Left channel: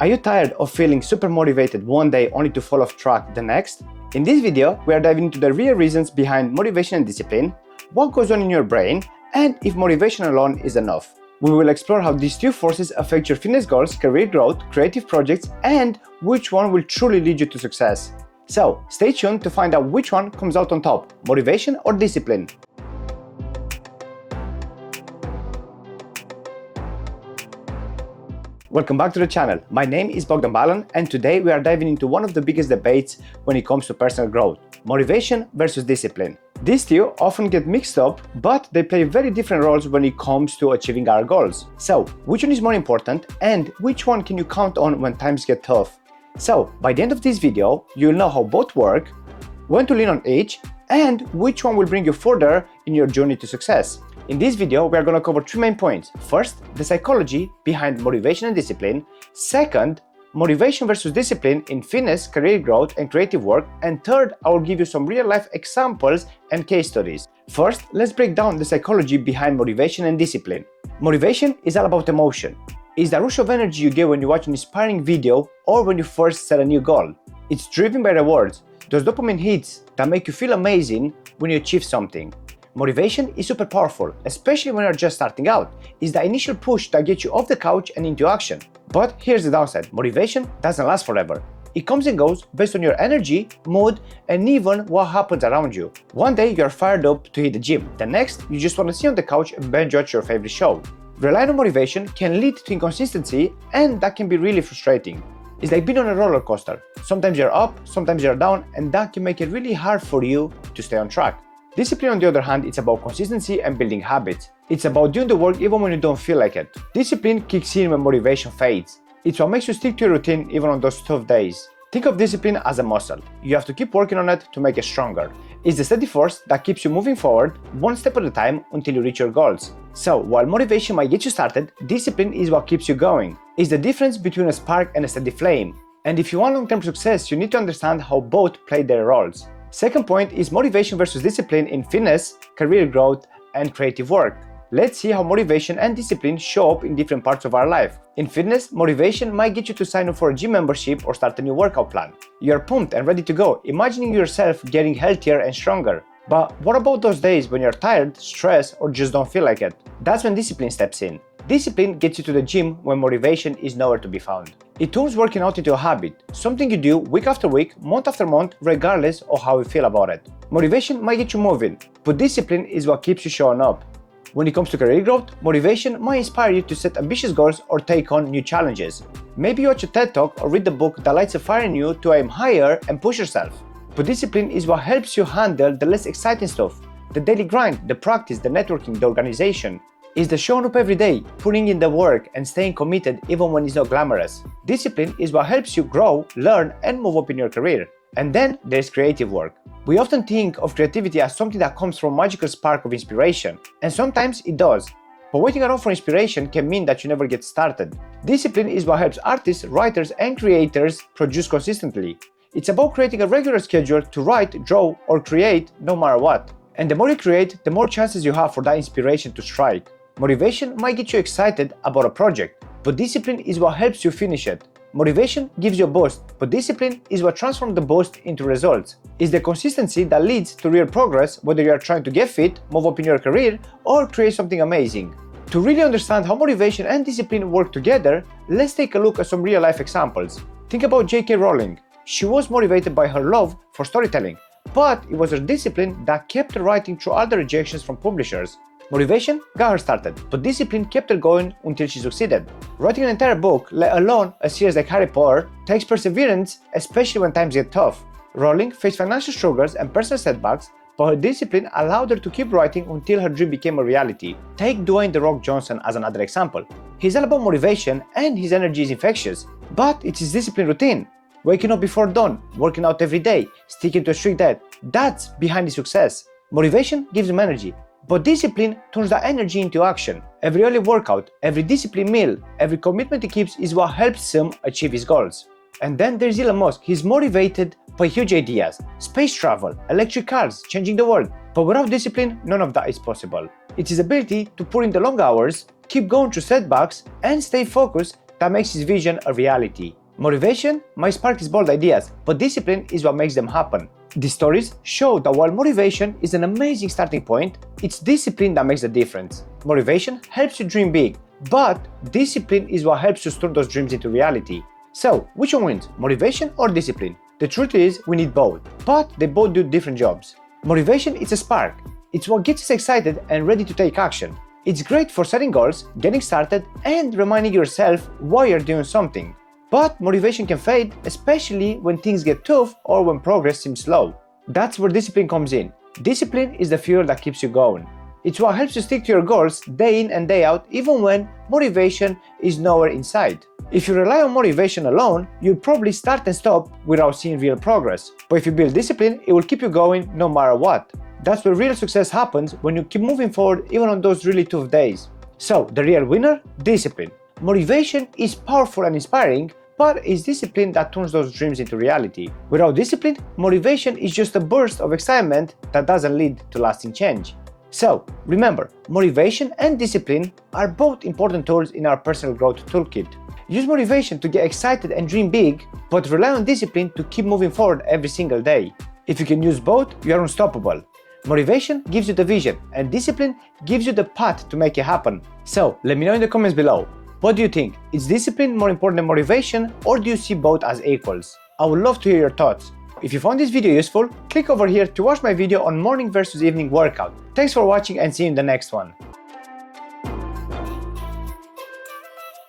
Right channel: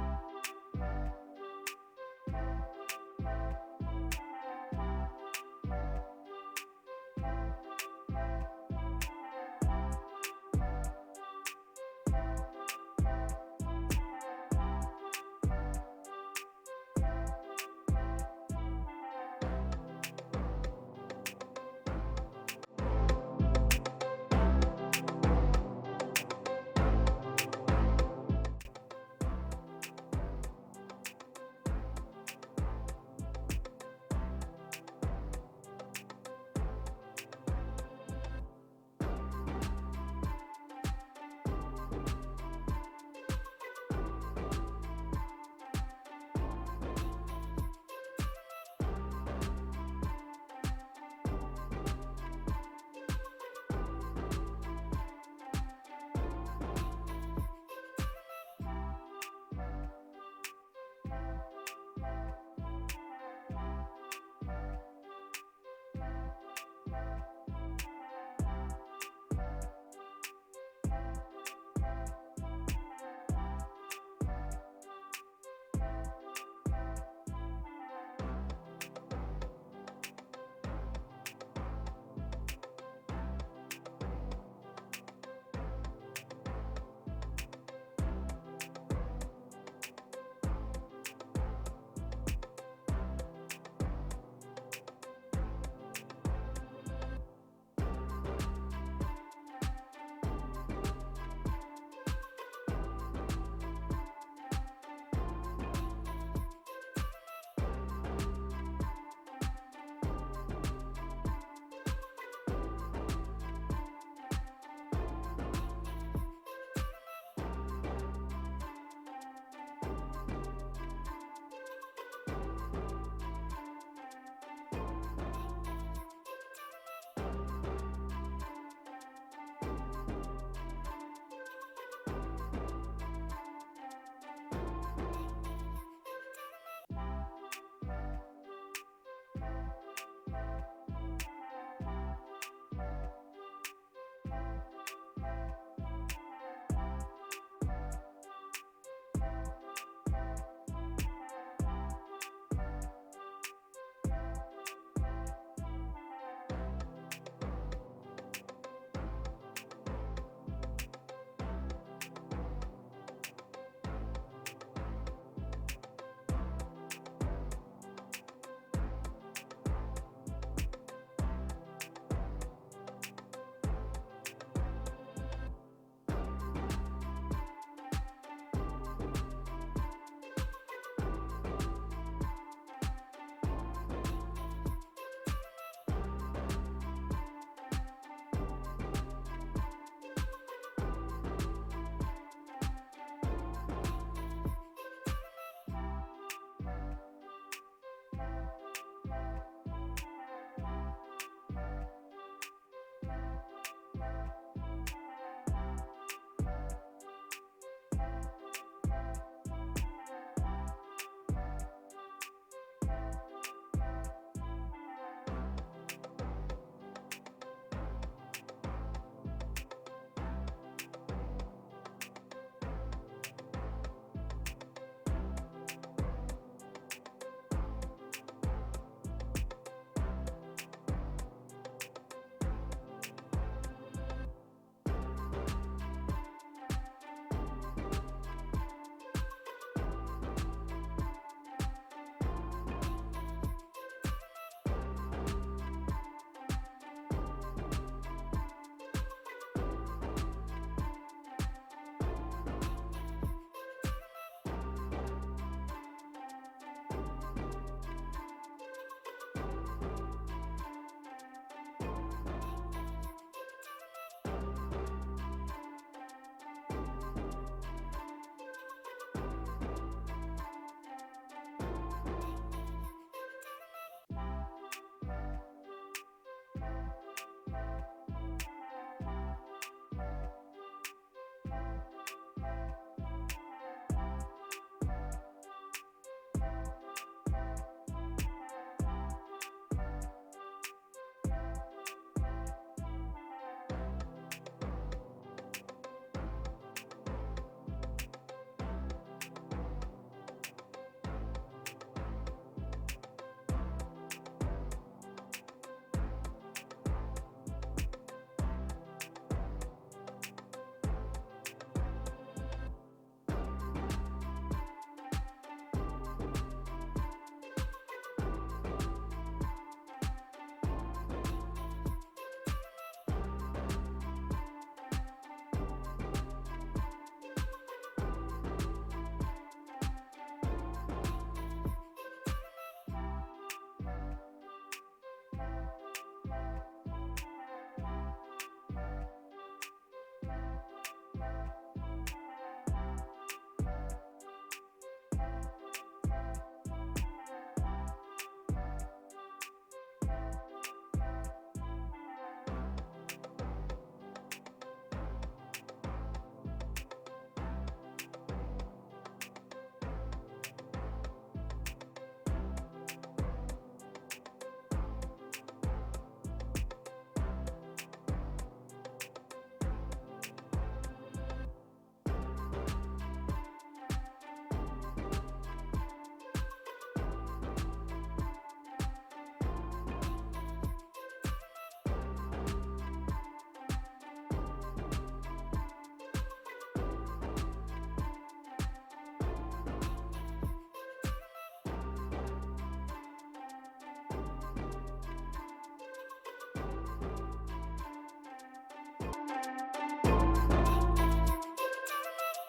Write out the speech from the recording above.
Are you tired of feeling super motivated one day only to fall off track the next? In this video, we are diving into the real reasons behind motivation and discipline, what goes on in your brain, and if motivation alone is enough. We will explore how these two forces affect your fitness goals, career growth, creative projects, and which one will truly lead you to success. So, stay tuned to find out which one comes out on top, motivation or discipline. Welcome back to the channel. My name is Bogdan Balan, and today we are diving into one of the biggest debates when it comes to personal growth: motivation versus discipline. These two often get mixed up, but they play very different roles when it comes to achieving our goals. So, which one is more important, and which one can you count on when times get tough? So, by the end of this video, you'll know how both work, when to lean on each, and which one will bring you further in your journey to success. In this video, we are going to cover three main points. First, the psychology behind motivation and discipline. Second, motivation versus discipline in fitness, career growth, and creative work. And third, I will give you some real-life examples and case studies. First, let's break down the psychology behind motivation and discipline. Motivation is all about emotion. It's the rush of energy you get when you watch an inspiring video or when you first set a new goal. It's driven by rewards, those dopamine hits that make you feel amazing when you achieve something. Motivation is super powerful, especially when you're just starting out. It's the initial push that gets you off the couch and into action. But here's the downside: motivation doesn't last forever. It comes and goes based on your energy, mood, and even what happens around you. One day you're fired up to hit the gym. The next, you just want to sit on the couch and binge watch your favorite show. Relying on motivation can lead to inconsistency, and that can be really frustrating. It's like being on a roller coaster. Sometimes you're up, sometimes you're down, and that can make it really hard for you to stay on track. Discipline, on the other hand, it's about consistency and building habits. It's about doing the work even when you don't feel like it. Discipline kicks in when motivation fades. It's what makes you stick to your routine even on those tough days. Think of discipline as a muscle. You have to keep working on it to make it stronger. It's the steady force that keeps you moving forward, one step at a time, until you reach your goals. So, while motivation might get you started, discipline is what keeps you going. It's the difference between a spark and a steady flame. And if you want long-term success, you need to understand how both play their roles. Second point is motivation versus discipline in fitness, career growth, and creative work. Let's see how motivation and discipline show up in different parts of our life. In fitness, motivation might get you to sign up for a gym membership or start a new workout plan. You're pumped and ready to go, imagining yourself getting healthier and stronger. But what about those days when you're tired, stressed, or just don't feel like it? That's when discipline steps in. Discipline gets you to the gym when motivation is nowhere to be found. It turns working out into a habit, something you do week after week, month after month, regardless of how you feel about it. Motivation might get you moving, but discipline is what keeps you showing up. When it comes to career growth, motivation might inspire you to set ambitious goals or take on new challenges. Maybe you watch a TED Talk or read a book that lights a fire in you to aim higher and push yourself. But discipline is what helps you handle the less exciting stuff: the daily grind, the practice, the networking, the organization. It's the showing up every day, putting in the work, and staying committed even when it's not glamorous. Discipline is what helps you grow, learn, and move up in your career. And then there's creative work. We often think of creativity as something that comes from a magical spark of inspiration, and sometimes it does. But waiting around for inspiration can mean that you never get started. Discipline is what helps artists, writers, and creators produce consistently. It's about creating a regular schedule to write, draw, or create no matter what. And the more you create, the more chances you have for that inspiration to strike. Motivation might get you excited about a project, but discipline is what helps you finish it. Motivation gives you a boost, but discipline is what transforms the boost into results. It's the consistency that leads to real progress, whether you are trying to get fit, move up in your career, or create something amazing. To really understand how motivation and discipline work together, let's take a look at some real-life examples. Think about J.K. Rowling. She was motivated by her love for storytelling, but it was her discipline that kept her writing through all the rejections from publishers. Motivation got her started, but discipline kept her going until she succeeded. Writing an entire book, let alone a series like Harry Potter, takes perseverance, especially when times get tough. Rowling faced financial struggles and personal setbacks, but her discipline allowed her to keep writing until her dream became a reality. Take Dwayne "The Rock" Johnson as another example. He's all about motivation and his energy is infectious, but it's his discipline routine. Waking up before dawn, working out every day, sticking to a strict diet, that's behind his success. Motivation gives him energy, but discipline turns that energy into action. Every early workout, every disciplined meal, every commitment he keeps is what helps him achieve his goals. And then there's Elon Musk. He's motivated by huge ideas: space travel, electric cars, changing the world. But without discipline, none of that is possible. It's his ability to put in the long hours, keep going through setbacks, and stay focused that makes his vision a reality. Motivation might spark his bold ideas, but discipline is what makes them happen. These stories show that while motivation is an amazing starting point, it's discipline that makes the difference. Motivation helps you dream big, but discipline is what helps you turn those dreams into reality. So, which one wins, motivation or discipline? The truth is, we need both, but they both do different jobs. Motivation is a spark. It's what gets us excited and ready to take action. It's great for setting goals, getting started, and reminding yourself why you're doing something. But motivation can fade, especially when things get tough or when progress seems slow. That's where discipline comes in. Discipline is the fuel that keeps you going. It's what helps you stick to your goals day in and day out, even when motivation is nowhere in sight. If you rely on motivation alone, you'll probably start and stop without seeing real progress. But if you build discipline, it will keep you going no matter what. That's where real success happens, when you keep moving forward even on those really tough days. So, the real winner? Discipline. Motivation is powerful and inspiring, but it's discipline that turns those dreams into reality. Without discipline, motivation is just a burst of excitement that doesn't lead to lasting change. So, remember, motivation and discipline are both important tools in our personal growth toolkit. Use motivation to get excited and dream big, but rely on discipline to keep moving forward every single day. If you can use both, you are unstoppable. Motivation gives you the vision, and discipline gives you the path to make it happen. So, let me know in the comments below. What do you think? Is discipline more important than motivation, or do you see both as equals? I would love to hear your thoughts. If you found this video useful, click over here to watch my video on morning versus evening workout. Thanks for watching and see you in the next one.